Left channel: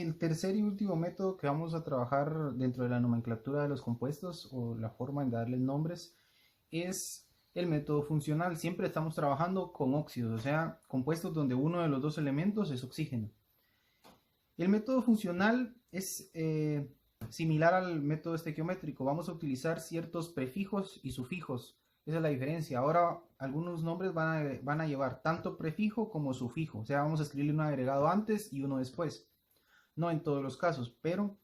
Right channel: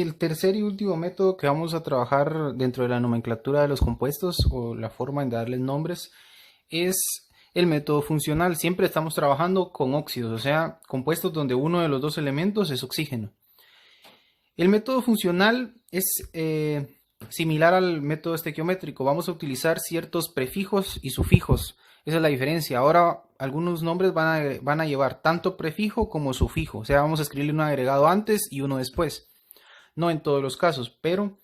El tercer y último método que vamos a trabajar dentro de la nomenclatura de los compuestos o la forma en darles nombres es el método funcional. Siempre estamos trabajando con óxidos, o sea, compuestos donde uno de los dos elementos es oxígeno. El método funcional es similar al método estequiométrico. Vamos a utilizar ciertos prefijos y sufijos. Esa es la diferencia. Ahora algunos nombres van a llevar tanto prefijo como sufijo. O sea, vamos a escribirle un agregado antes y uno después. No en todos los casos, pero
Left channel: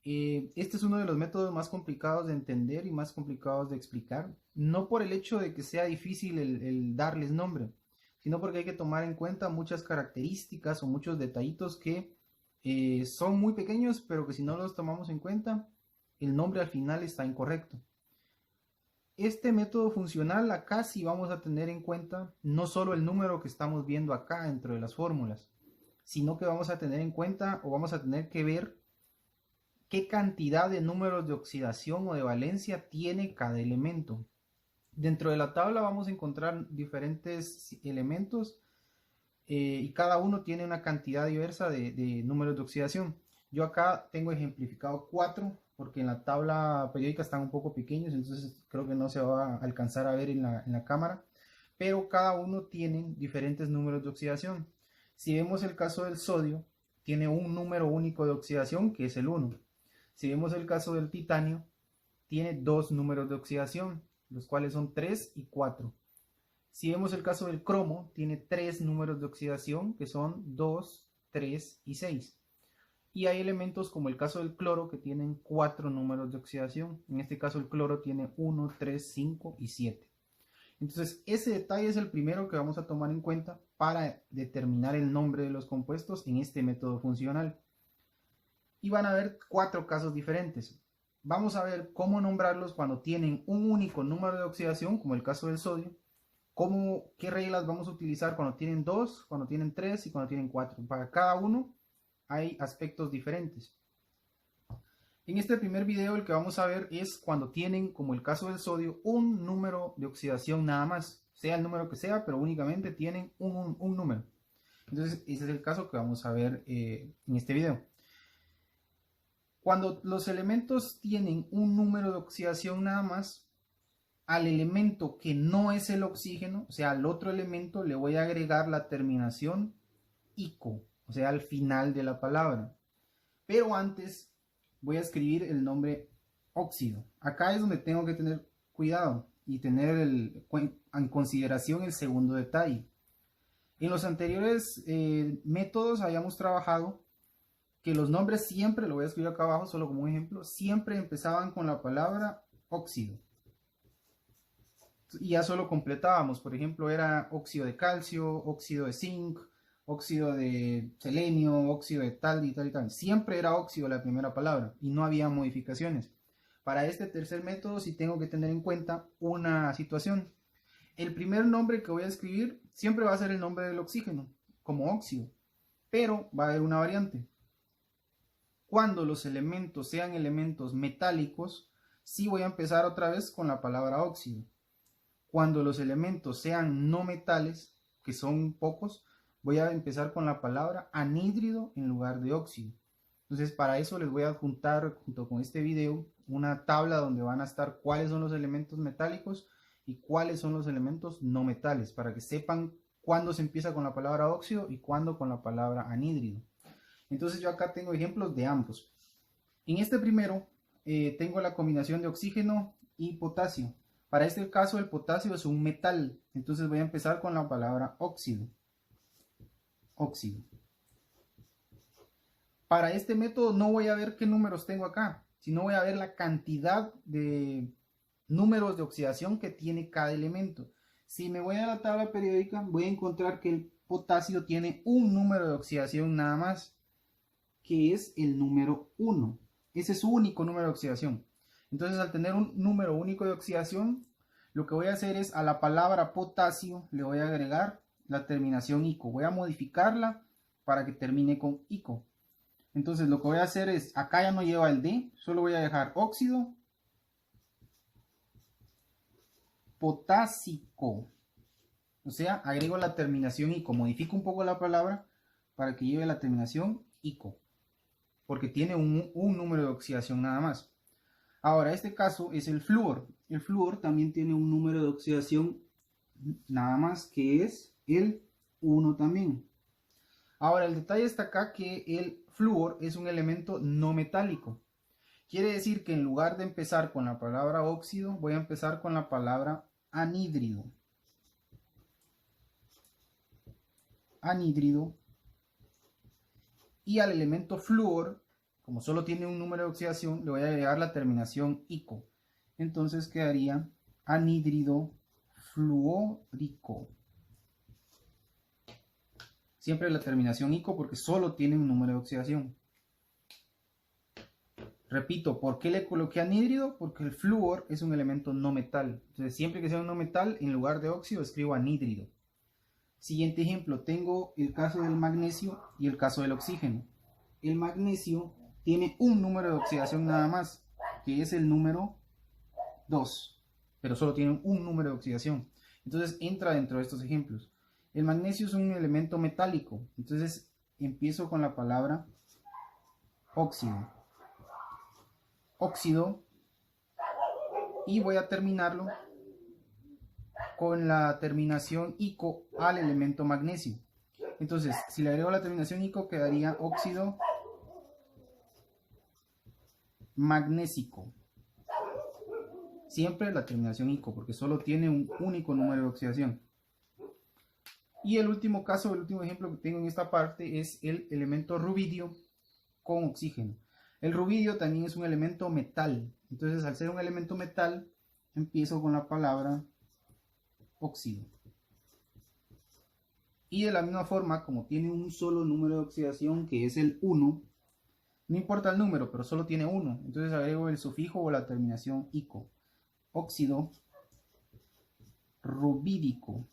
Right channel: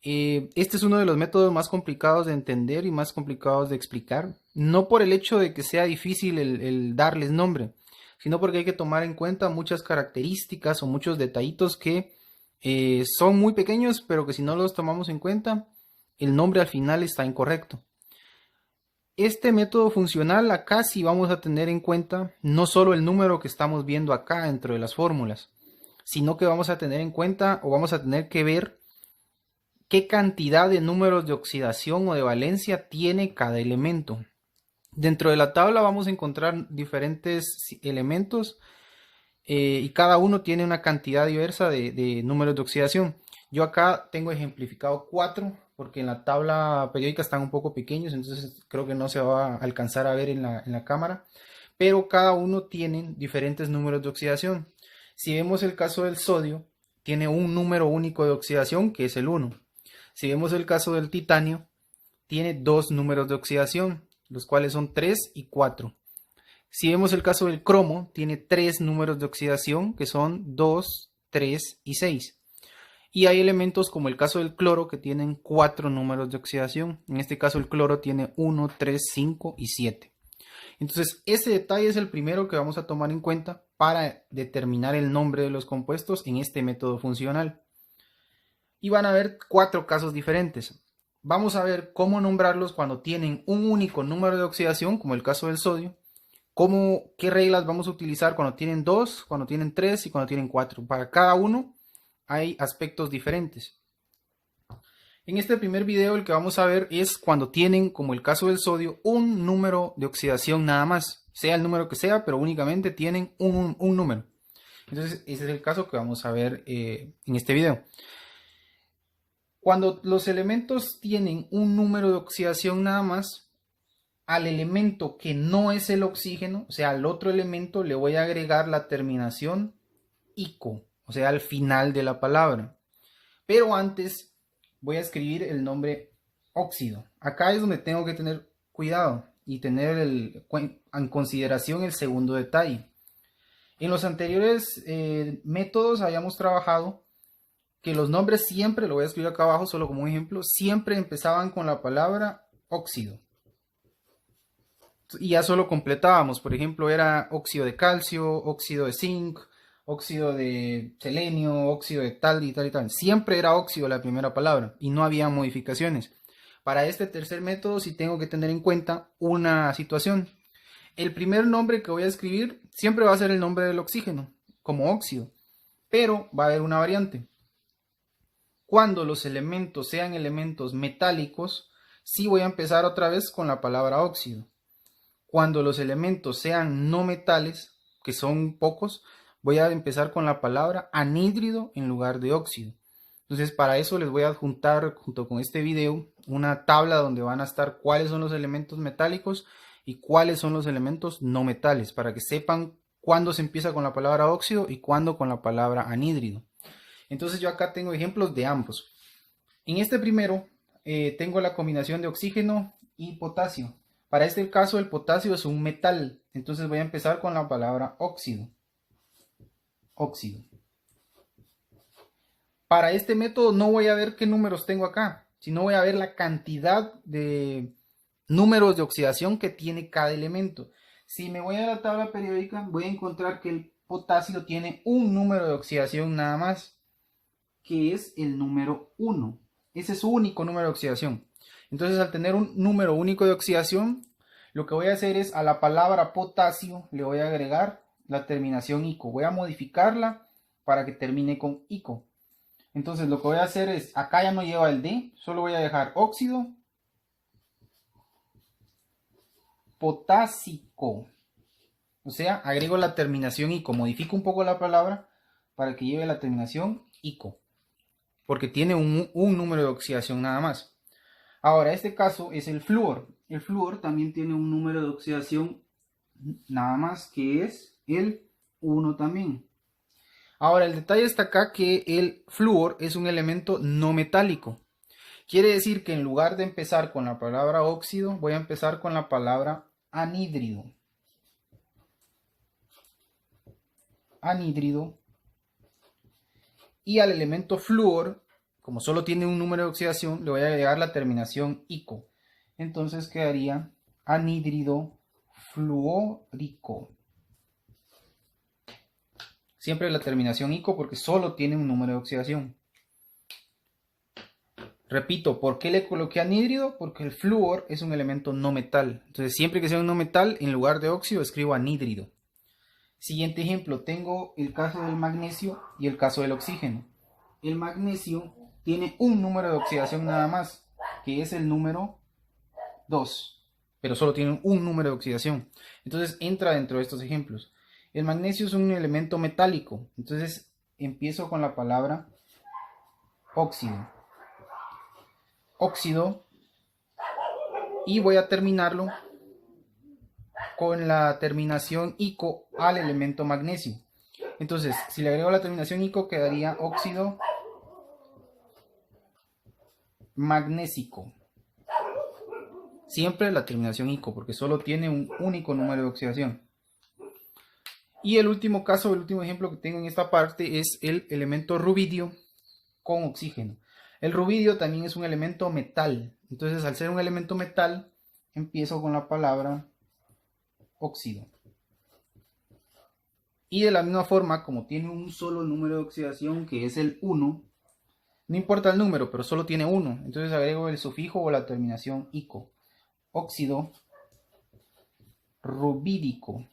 este es uno de los métodos más complicados de entender y más complicados de explicar. No por el hecho de que sea difícil el darles nombre, sino porque hay que tomar en cuenta muchas características o muchos detallitos que son muy pequeños, pero que si no los tomamos en cuenta, el nombre al final está incorrecto. Este método funcional acá sí vamos a tener en cuenta no solo el número que estamos viendo acá dentro de las fórmulas, sino que vamos a tener en cuenta o vamos a tener que ver qué cantidad de números de oxidación o de valencia tiene cada elemento. Dentro de la tabla vamos a encontrar diferentes elementos y cada uno tiene una cantidad diversa de números de oxidación. Yo acá tengo ejemplificado 4 porque en la tabla periódica están un poco pequeños, entonces creo que no se va a alcanzar a ver en la cámara, pero cada uno tiene diferentes números de oxidación. Si vemos el caso del sodio, tiene un número único de oxidación que es el 1. Si vemos el caso del titanio, tiene dos números de oxidación, los cuales son 3 y 4. Si vemos el caso del cromo, tiene tres números de oxidación, que son 2, 3 y 6. Y hay elementos como el caso del cloro que tienen cuatro números de oxidación. En este caso el cloro tiene 1, 3, 5 y 7. Entonces ese detalle es el primero que vamos a tomar en cuenta para determinar el nombre de los compuestos en este método funcional. Y van a haber cuatro casos diferentes. Vamos a ver cómo nombrarlos cuando tienen un único número de oxidación, como el caso del sodio. Qué reglas vamos a utilizar cuando tienen dos, cuando tienen tres y cuando tienen cuatro. Para cada uno hay aspectos diferentes. En este primer video el que vamos a ver es cuando tienen, como el caso del sodio, un número de oxidación nada más. Sea el número que sea, pero únicamente tienen un número. Entonces ese es el caso que vamos a ver en este video. Cuando los elementos tienen un número de oxidación nada más, al elemento que no es el oxígeno, o sea, al otro elemento le voy a agregar la terminación ico, o sea, al final de la palabra. Pero antes voy a escribir el nombre óxido. Acá es donde tengo que tener cuidado y tener en consideración el segundo detalle. En los anteriores métodos habíamos trabajado que los nombres siempre, lo voy a escribir acá abajo solo como un ejemplo, siempre empezaban con la palabra óxido. Y ya solo completábamos, por ejemplo, era óxido de calcio, óxido de zinc, óxido de selenio, óxido de tal y tal y tal. Siempre era óxido la primera palabra y no había modificaciones. Para este tercer método sí tengo que tener en cuenta una situación. El primer nombre que voy a escribir siempre va a ser el nombre del oxígeno, como óxido, pero va a haber una variante. Cuando los elementos sean elementos metálicos, sí voy a empezar otra vez con la palabra óxido. Cuando los elementos sean no metales, que son pocos, voy a empezar con la palabra anhídrido en lugar de óxido. Entonces para eso les voy a adjuntar junto con este video una tabla donde van a estar cuáles son los elementos metálicos y cuáles son los elementos no metales, para que sepan cuándo se empieza con la palabra óxido y cuándo con la palabra anhídrido. Entonces yo acá tengo ejemplos de ambos. En este primero tengo la combinación de oxígeno y potasio. Para este caso el potasio es un metal, entonces voy a empezar con la palabra óxido. Óxido. Para este método no voy a ver qué números tengo acá, sino voy a ver la cantidad de números de oxidación que tiene cada elemento. Si me voy a la tabla periódica, voy a encontrar que el potasio tiene un número de oxidación nada más, que es el número 1. Ese es su único número de oxidación. Entonces, al tener un número único de oxidación, lo que voy a hacer es a la palabra potasio le voy a agregar la terminación ico. Voy a modificarla para que termine con ico. Entonces, lo que voy a hacer es, acá ya no lleva el D, solo voy a dejar óxido potásico. O sea, agrego la terminación ico. Modifico un poco la palabra para que lleve la terminación ico. porque tiene un número de oxidación nada más. Ahora, este caso es el flúor. El flúor también tiene un número de oxidación nada más, que es el 1 también. Ahora, el detalle está acá que el flúor es un elemento no metálico. Quiere decir que en lugar de empezar con la palabra óxido, voy a empezar con la palabra anhídrido. Anhídrido. Y al elemento flúor, como solo tiene un número de oxidación, le voy a agregar la terminación ico. Entonces quedaría anhídrido fluórico. Siempre la terminación ico porque solo tiene un número de oxidación. Repito, ¿por qué le coloqué anhídrido? Porque el flúor es un elemento no metal. Entonces siempre que sea un no metal, en lugar de óxido escribo anhídrido. Siguiente ejemplo, tengo el caso del magnesio y el caso del oxígeno. El magnesio tiene un número de oxidación nada más, que es el número 2, pero solo tiene un número de oxidación. Entonces entra dentro de estos ejemplos. El magnesio es un elemento metálico, entonces empiezo con la palabra óxido. Óxido, y voy a terminarlo con la terminación ico al elemento magnesio. Entonces, si le agrego la terminación ico, quedaría óxido magnésico. Siempre la terminación ico, porque solo tiene un único número de oxidación. Y el último caso, el último ejemplo que tengo en esta parte es el elemento rubidio con oxígeno. El rubidio también es un elemento metal. Entonces, al ser un elemento metal, empiezo con la palabra óxido. Y de la misma forma, como tiene un solo número de oxidación, que es el 1, no importa el número, pero solo tiene 1, entonces agrego el sufijo o la terminación ico. Óxido rubídico.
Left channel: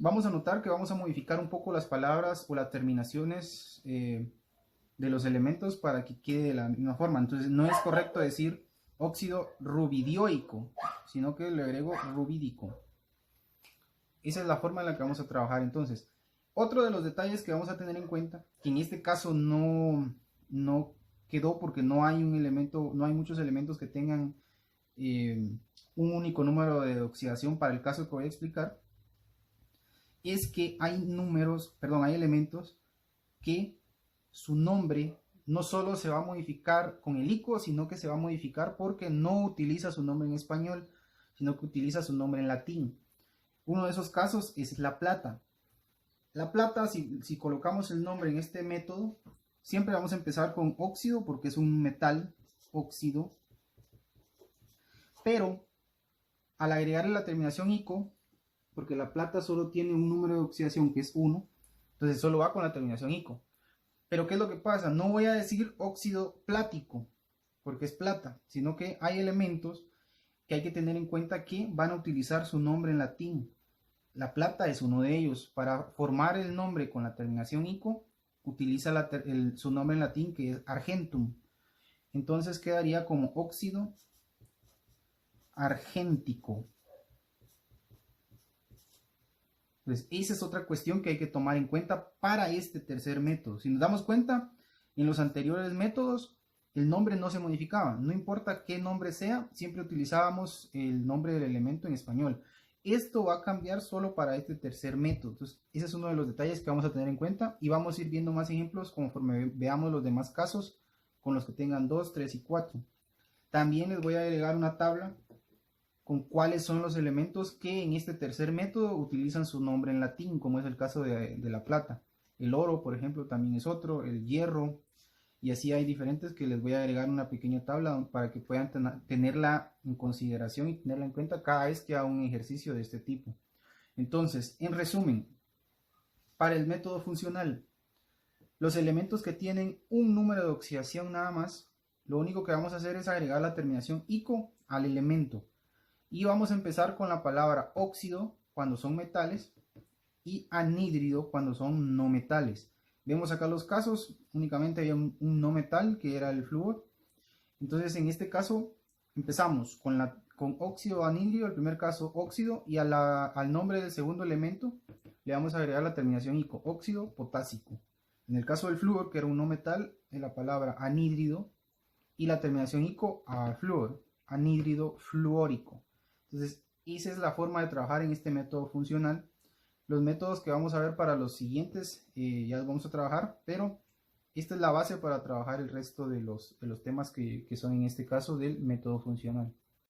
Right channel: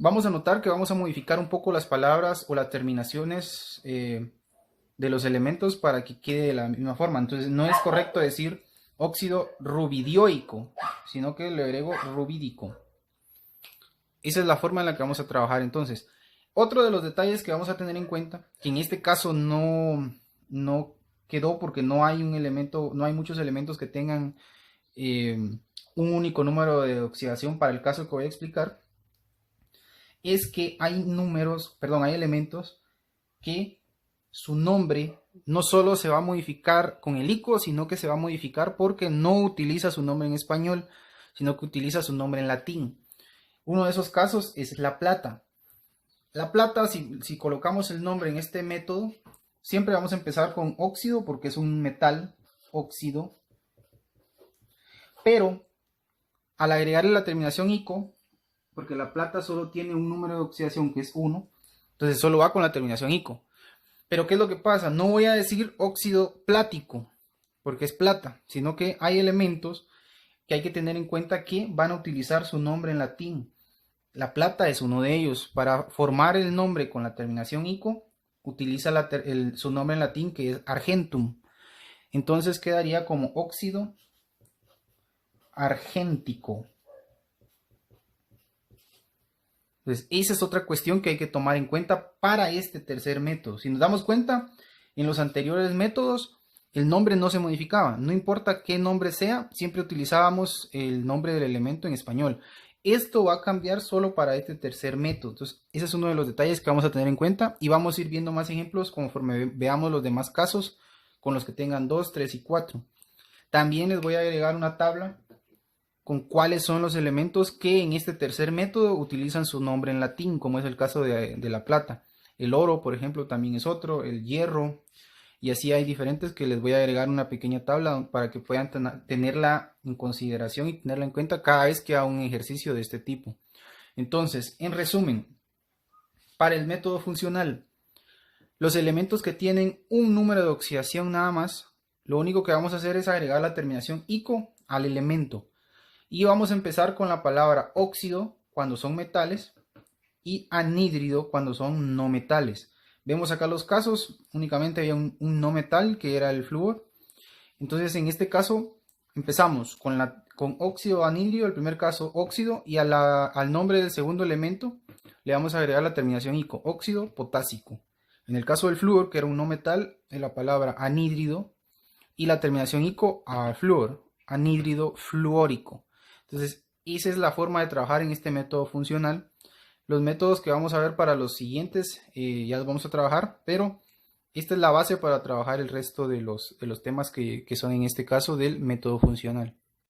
Vamos a notar que vamos a modificar un poco las palabras o las terminaciones de los elementos para que quede de la misma forma. Entonces no es correcto decir óxido rubidioico, sino que le agrego rubídico. Esa es la forma en la que vamos a trabajar entonces. Otro de los detalles que vamos a tener en cuenta, que en este caso no quedó porque no hay un elemento, no hay muchos elementos que tengan un único número de oxidación para el caso que voy a explicar, es que hay hay elementos que su nombre no solo se va a modificar con el ico, sino que se va a modificar porque no utiliza su nombre en español, sino que utiliza su nombre en latín. Uno de esos casos es la plata. La plata, si colocamos el nombre en este método, siempre vamos a empezar con óxido porque es un metal, óxido. Pero al agregarle la terminación ico, porque la plata solo tiene un número de oxidación que es 1, entonces solo va con la terminación ico. Pero ¿qué es lo que pasa? No voy a decir óxido plático, porque es plata, sino que hay elementos que hay que tener en cuenta que van a utilizar su nombre en latín. La plata es uno de ellos. Para formar el nombre con la terminación ico, utiliza su nombre en latín, que es argentum. Entonces quedaría como óxido argéntico. Entonces, esa es otra cuestión que hay que tomar en cuenta para este tercer método. Si nos damos cuenta, en los anteriores métodos, el nombre no se modificaba. No importa qué nombre sea, siempre utilizábamos el nombre del elemento en español. Esto va a cambiar solo para este tercer método. Entonces, ese es uno de los detalles que vamos a tener en cuenta y vamos a ir viendo más ejemplos conforme veamos los demás casos con los que tengan 2, 3 y 4. También les voy a agregar una tabla con cuáles son los elementos que en este tercer método utilizan su nombre en latín, como es el caso de la plata. El oro, por ejemplo, también es otro, el hierro, y así hay diferentes que les voy a agregar una pequeña tabla para que puedan tenerla en consideración y tenerla en cuenta cada vez que haga un ejercicio de este tipo. Entonces, en resumen, para el método funcional, los elementos que tienen un número de oxidación nada más, lo único que vamos a hacer es agregar la terminación ico al elemento. Y vamos a empezar con la palabra óxido cuando son metales y anhídrido cuando son no metales. Vemos acá los casos, únicamente había un no metal que era el flúor. Entonces en este caso empezamos con óxido anhídrido, el primer caso óxido, y al nombre del segundo elemento le vamos a agregar la terminación ico, óxido potásico. En el caso del flúor, que era un no metal, es la palabra anhídrido y la terminación ico a flúor, anhídrido fluórico. Entonces, esa es la forma de trabajar en este método funcional. Los métodos que vamos a ver para los siguientes ya los vamos a trabajar, pero esta es la base para trabajar el resto de los temas que son en este caso del método funcional.